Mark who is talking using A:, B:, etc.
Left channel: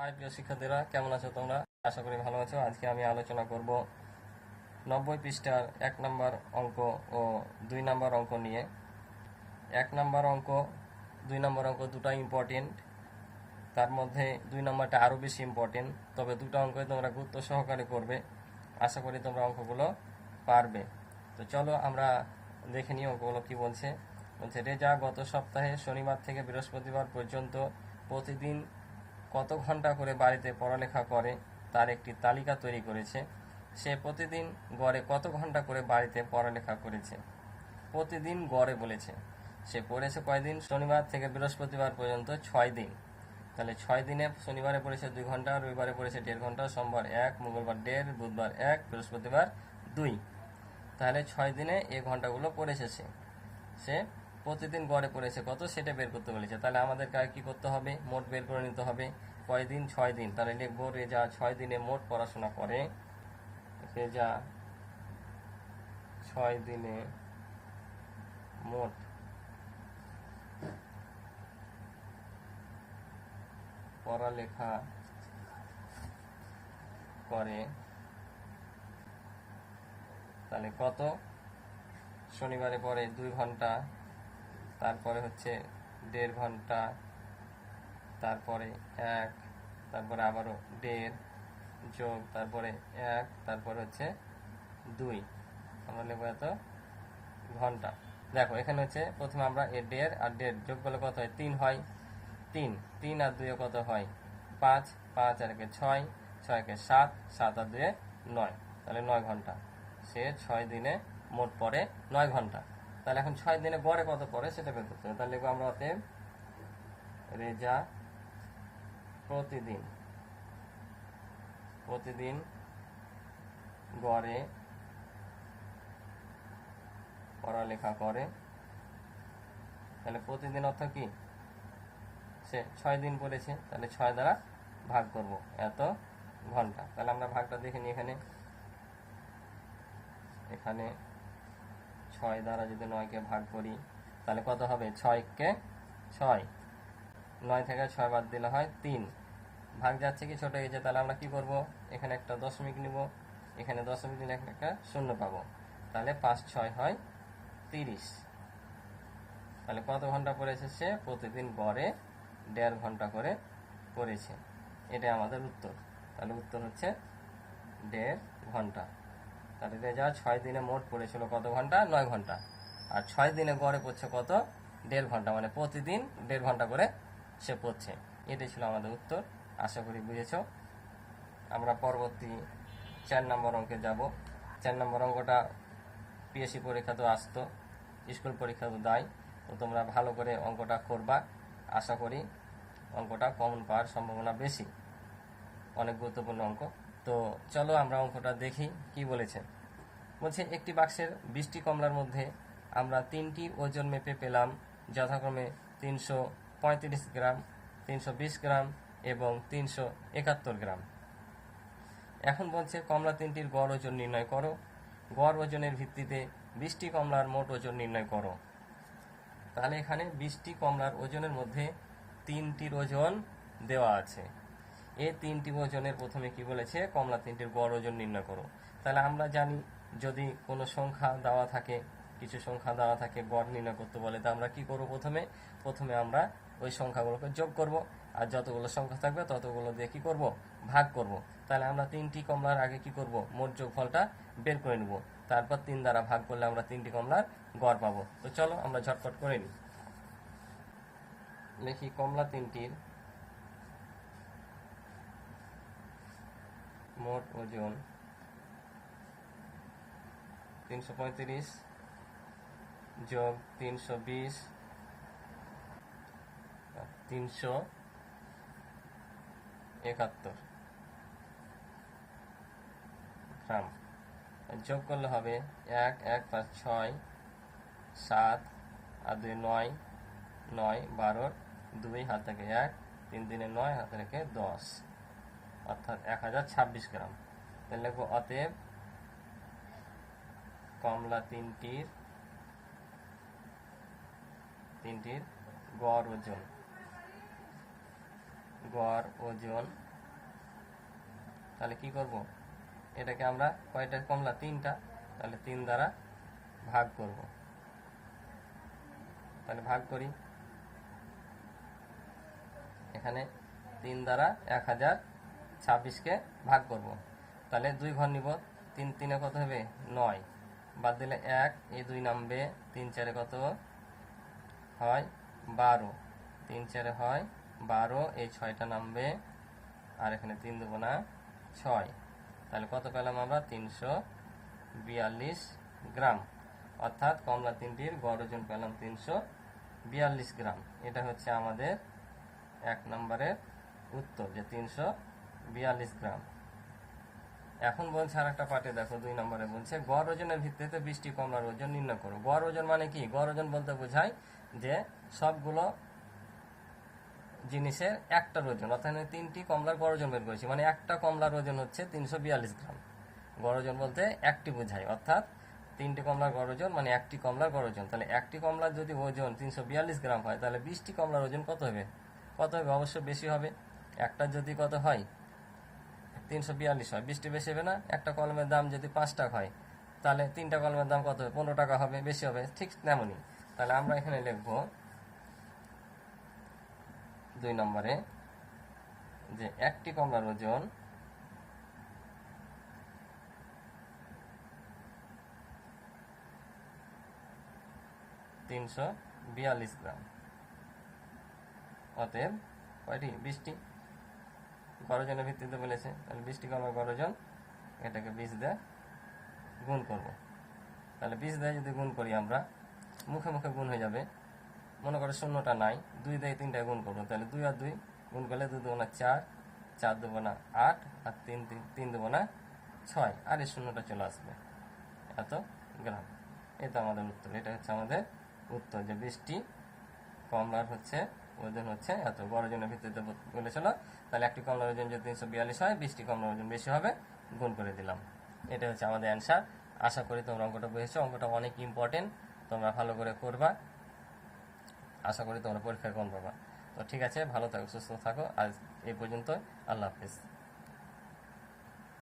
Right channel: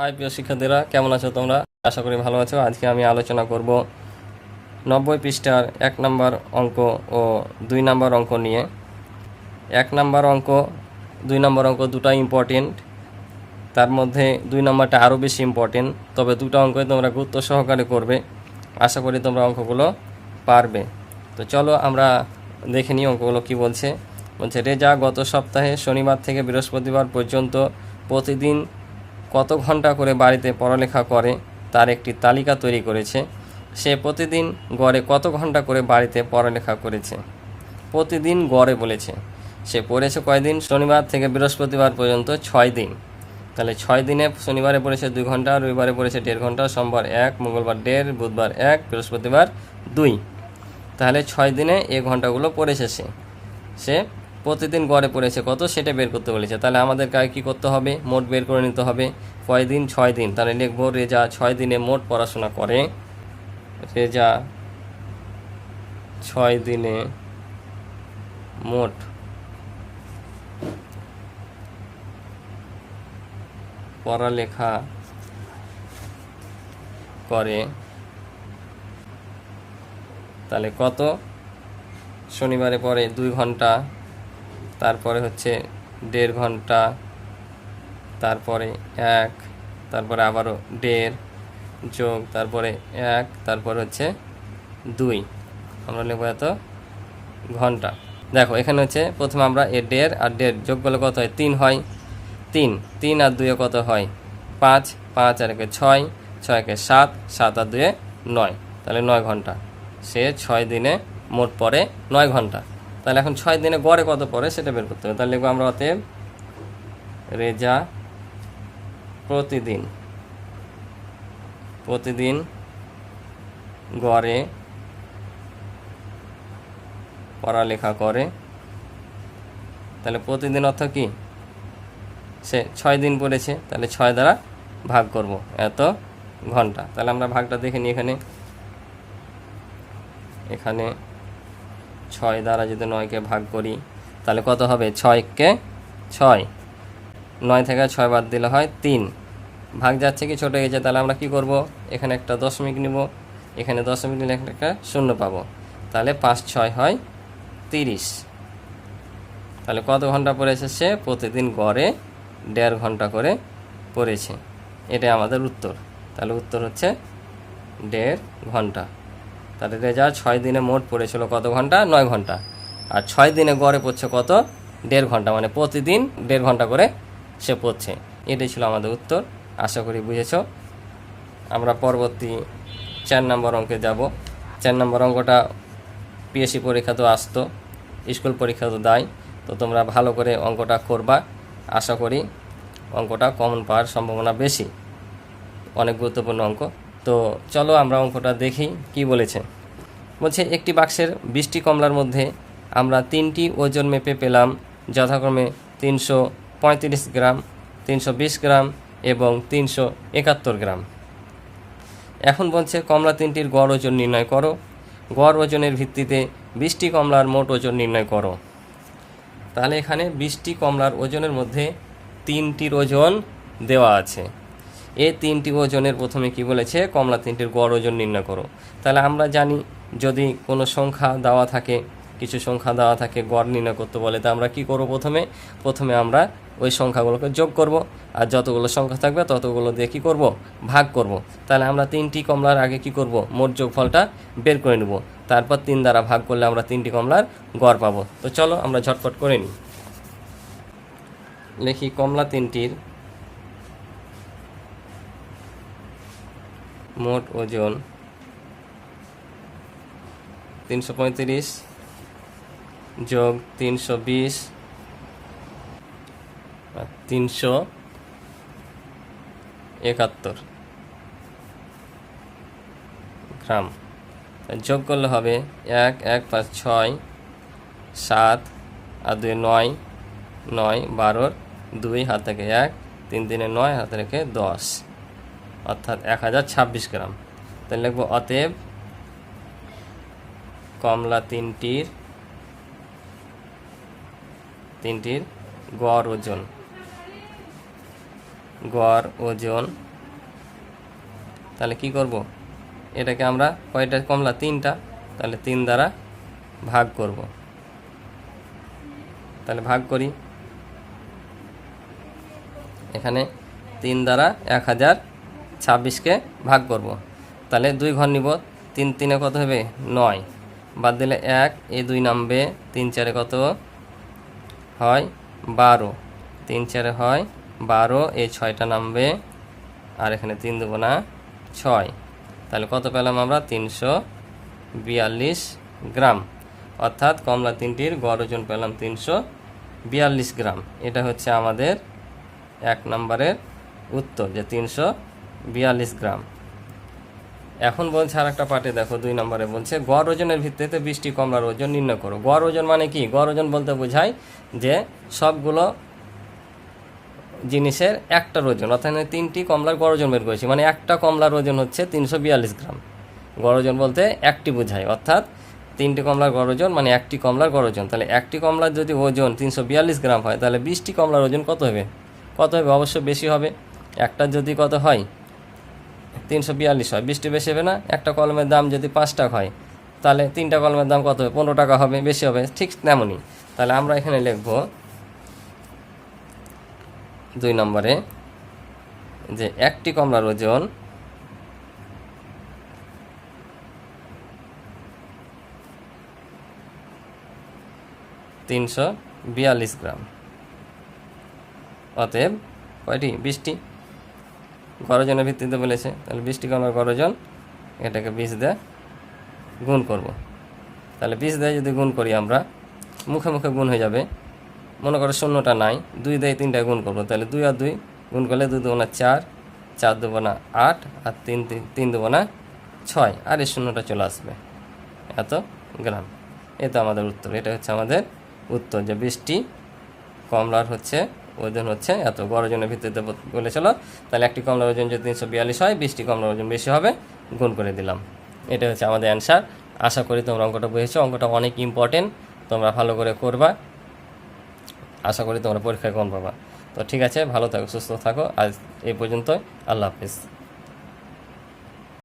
A: High, প্রিয় শিক্ষার্থীরা, কেমন আছো তোমরা? আশা করি ভালো আছো। আজকে আমি আলোচনা করব নব্বই পৃষ্ঠার এক নম্বর অঙ্ক ও দুই নম্বর অঙ্ক নিয়ে। এক নম্বর অঙ্ক, দুই নম্বর অঙ্ক দুটো ইম্পর্টেন্ট তার মধ্যে দুই নম্বরটা আরও বেশি ইম্পর্টেন্ট তবে দুটো অঙ্কই তোমরা গুরুত্ব সহকারে করবে। আশা করি তোমরা অঙ্কগুলো পারবে। তো চলো আমরা দেখে নিই অঙ্কগুলো কি বলছে। বলছে, রেজা গত সপ্তাহে শনিবার থেকে বৃহস্পতিবার পর্যন্ত প্রতিদিন কত ঘণ্টা করে বাড়িতে পড়ালেখা করে তার একটি তালিকা তৈরি করেছে। সে প্রতিদিন গড়ে কত ঘণ্টা করে বাড়িতে পড়ালেখা করেছে? প্রতিদিন গড়ে বলেছে। সে পড়েছে কয়দিন? শনিবার থেকে বৃহস্পতিবার পর্যন্ত ছয় দিন। তাহলে ছয় দিনে শনিবারে পড়েছে দুই ঘণ্টা, রবিবারে পড়েছে দেড় ঘণ্টা, সোমবার এক, মঙ্গলবার দেড়, বুধবার এক, বৃহস্পতিবার দুই। তাহলে ছয় দিনে এই ঘন্টাগুলো পড়েছে সে। সে প্রতিদিন গড়ে পড়েছে, কত সেটা বের করতে বলেছে। তাহলে আমাদের কাছে কী করতে হবে? মোট বের করে নিতে হবে। কয় দিন? ছয় দিন। তাহলে লিখব, রেজা ছয় দিনে মোট পড়াশোনা করে। রেজা ছয় দিনে মোট পড়ালেখা করে। তাহলে কত? শনিবারে পরে দুই ঘণ্টা। তারপরে হচ্ছে দেড় ঘণ্টা, তারপরে এক, তারপরে আবারও দেড় যোগ, তারপরে এক, তারপর হচ্ছে দুই। আমরা নেব এত ঘণ্টা। দেখো, এখানে হচ্ছে প্রথমে আমরা এ দেড় আর দেড় যোগ করলে কত হয়? তিন হয়। তিন তিন আর দুয়ে কত হয়? পাঁচ পাঁচ আর একে ছয় ছয় একে সাত সাত আর দুয়ে নয়। তাহলে নয় ঘণ্টা। সে ছয় দিনে মোট পড়ে নয় ঘণ্টা। তাহলে এখন ছয় দিনে গড়ে কত পড়ে সেটা বের করতে হবে। তাহলে লিখব আমরা অতএব রেজা প্রতিদিন প্রতিদিন গড়ে পড়ালেখা করে। তাহলে প্রতিদিন অর্থ কি? সে ছয় দিন পড়েছে, তাহলে ছয় দ্বারা ভাগ করব। এত ঘণ্টা। তাহলে আমরা ভাগটা দেখে নিই এখানে। এখানে ছয় দ্বারা যদি নয়কে ভাগ করি, তাহলে কত হবে? ছয়কে ছয়। নয় থেকে ছয় বাদ দিলে হয় তিন। ভাগ যাচ্ছে কি ছোটো গেছে তাহলে আমরা কি করব? এখানে একটা দশমিক নিব। এখানে দশমিক নিলে একটা শূন্য পাবো। তাহলে পাঁচ ছয় হয় তিরিশ। তাহলে কত ঘণ্টা পড়েছে সে প্রতিদিন গড়ে দেড় ঘণ্টা করে পড়েছে। এটাই আমাদের উত্তর। তাহলে উত্তর হচ্ছে দেড় ঘণ্টা। তাহলে রেজা ছয় দিনে মোট পড়েছিল কত ঘণ্টা? নয় ঘণ্টা। আর ছয় দিনে গড়ে পড়ছে কত? দেড় ঘণ্টা। মানে প্রতিদিন দেড় ঘণ্টা করে সে পড়ছে। এটাই ছিল আমাদের উত্তর। আশা করি বুঝেছ। আমরা পরবর্তী চার নম্বর অঙ্কে যাব। চার নম্বর অঙ্কটা পিএসসি পরীক্ষা তো আসতো। স্কুল পরীক্ষা তো দেয়। তো তোমরা ভালো করে অঙ্কটা করবা। আশা করি অঙ্কটা কমন পাওয়ার সম্ভাবনা বেশি। অনেক গুরুত্বপূর্ণ অঙ্ক। তো চলো আমরা অঙ্কটা দেখি কি বলেছে। বলছে, একটি বাক্সের বৃষ্টি কমলার মধ্যে আমরা তিনটি ওজন মেপে পেলাম, যথাক্রমে তিনশো পঁয়ত্রিশ গ্রাম, তিনশো বিশ গ্রাম এবং তিনশো একাত্তর গ্রাম। এখন বলছে, কমলা তিনটির গড় ওজন নির্ণয় করো। গড় ওজনের ভিত্তিতে বৃষ্টি কমলার মোট ওজন নির্ণয় করো। তাহলে এখানে বৃষ্টি কমলার ওজনের মধ্যে তিনটির ওজন দেওয়া আছে। এই তিনটি ওজনের প্রথমে কি বলেছে? কমলা তিনটির গড় ওজন নির্ণয় করো। তাহলে আমরা জানি যদি কোনো সংখ্যা দেওয়া থাকে, কিছু সংখ্যা দেওয়া থাকে, গড় নির্ণয় করতে বলে, তা আমরা কি করব প্রথমে? প্রথমে আমরা ওই সংখ্যাগুলোকে যোগ করব। আর যতগুলো সংখ্যা থাকবে, ততগুলো দিয়ে কী করব? ভাগ করব। তাহলে আমরা তিনটি কমলার আগে কি করব? মোট যোগফলটা বের করে নেব। তারপর তিন দ্বারা ভাগ করলে আমরা তিনটি কমলার গড় পাবো। তো চলো আমরা ঝটপট করে নিই। লিখি কমলা তিনটির মোট ওজন তিনশো পঁয়ত্রিশ যোগ তিনশো বিশ তিনশো একাত্তর গ্রাম। যোগ করলে হবে এক এক পাঁচ ছয়, সাত, আর দুই নয় নয় বারোর দুই হাত থেকে এক, তিন তিনে নয় হাতে রেখে দশ। অর্থাৎ এক হাজার ছাব্বিশ গ্রাম। তাহলে লিখব অতএব কমলা তিনটির তিনটির গড় ওজন গড় ওজন। তাহলে কি করব? এটাকে আমরা কয়টা কমলা? তিনটা। তাহলে তিন দ্বারা ভাগ করব। তাহলে ভাগ করি। এখানে তিন দ্বারা এক হাজার ছাব্বিশকে ভাগ করব। তাহলে দুই ঘর নিব, তিন তিনে কত হবে? নয়। বাদ দিলে এক এই দুই নামবে, তিন চারে কত হয়? বারো। তিন চারে হয় বারো এই ছয়টা নামবে, আর এখানে তিন দেবো না, ছয়। তাহলে কত পেলাম আমরা? তিনশো বিয়াল্লিশ গ্রাম। অর্থাৎ কমলা তিনটির গড় ওজন পেলাম তিনশো বিয়াল্লিশ গ্রাম। এটা হচ্ছে আমাদের এক নম্বরের উত্তর যে তিনশো বিয়াল্লিশ গ্রাম। এখন বলছে আর একটা পার্টে, দেখো দুই নম্বরে বলছে, গড় ওজনের ভিত্তিতে বৃষ্টি, কমলার ওজন নির্ণয় করো। গড় ওজন মানে কি? গড় ওজন বলতে বোঝায় যে সবগুলো জিনিসের একটার ওজন, অর্থাৎ তিনটি কমলার গড় ওজন বের করেছি মানে একটা কমলার ওজন হচ্ছে তিনশো বিয়াল্লিশ গ্রাম। গড় ওজন বলতে একটি বোঝায়, অর্থাৎ তিনটি কমলার গড় ওজন মানে একটি কমলার গড় ওজন। তাহলে একটি কমলার যদি ওজন তিনশো বিয়াল্লিশ গ্রাম হয়, তাহলে বিশটি কমলার ওজন কত হবে? কত হবে? অবশ্যই বেশি হবে। একটা যদি কত হয়? তিনশো বিয়াল্লিশ হয়। বিশটি বেশি হবে না, একটা কলমের দাম যদি পাঁচ টাকা হয়, তাহলে তিনটা কলমের দাম কত হবে? পনেরো টাকা হবে, বেশি হবে, ঠিক তেমনই। তাহলে আমরা এখানে লিখব দুই নম্বরে যে একটি কমলার ওজন তিনশো বিয়াল্লিশ গ্রাম। অতএব কয়টি? বিশটি গরজনের ভিত্তিতে বলেছে, তাহলে বিশটি কমলার গরজন এটাকে বিষ দিয়ে গুণ করব। তাহলে বিষ দিয়ে যদি গুণ করি আমরা, মুখে মুখে গুণ হয়ে যাবে। মনে করো শূন্যটা নাই, দুই দিয়ে তিনটা গুণ করব। তাহলে দুই আর দুই গুণ করলে দুই দেবো না চার চার দেবো না আট আর তিন তিন তিন দেবো না ছয়, আর এই শূন্যটা চলে আসবে। এত গ্রাম। এই তো আমাদের উত্তর, এটা হচ্ছে আমাদের উত্তর যে বৃষ্টি কমলার হচ্ছে ওজন হচ্ছে, এত বড় ওজনের ভিত্তিতে বলেছিল। তাহলে একটি কমলার ওজন যদি তিনশো বিয়াল্লিশ হয়, বিশটি কমলার ওজন বেশি হবে, গুণ করে দিলাম। এটা হচ্ছে আমাদের অ্যান্সার আশা করি তোমরা অঙ্কটা বুঝেছ। অঙ্কটা অনেক ইম্পর্টেন্ট তোমরা ভালো করে করবা। আশা করি তোমরা পরীক্ষায় কম পাবা। তো ঠিক আছে, ভালো থাকো, সুস্থ থাকো। আজ এই পর্যন্ত আল্লাহ হাফিজ।